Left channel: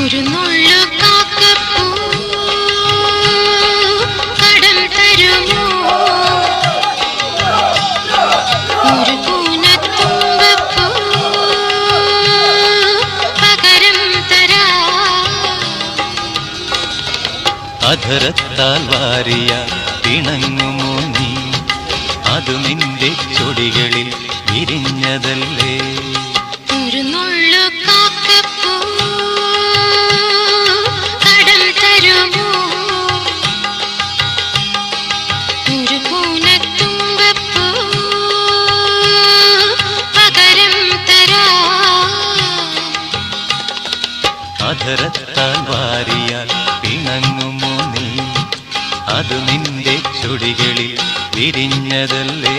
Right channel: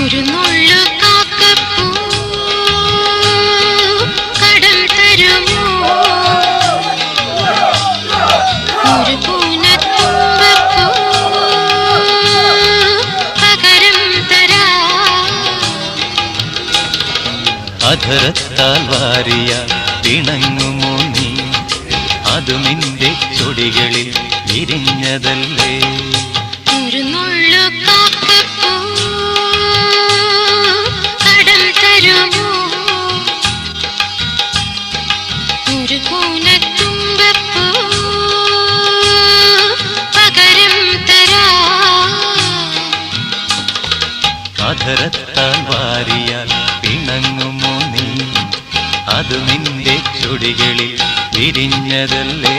ഒരു നുള്ളു കാക്കപ്പൂ കടം തരുമോ? ഒരു കൂനത്തുമ്പപ്പൂ പകരം തരാം. അധരത്താൽ വാരിയ പിണങ്ങുമോ നീ? അതു നിന്റെ ചൊടികളിൽ വിരിഞ്ഞതല്ലേ? ഒരു നുള്ളു കാക്കപ്പൂ കടം തരുമോ? ഒരു കൂനത്തുമ്പപ്പൂ പകരം തരാം. അധരത്താൽ വാരിയാൽ പിണങ്ങുമോ നീ? അതു നിന്റെ ചുടികളിൽ വിരിഞ്ഞതല്ലേ?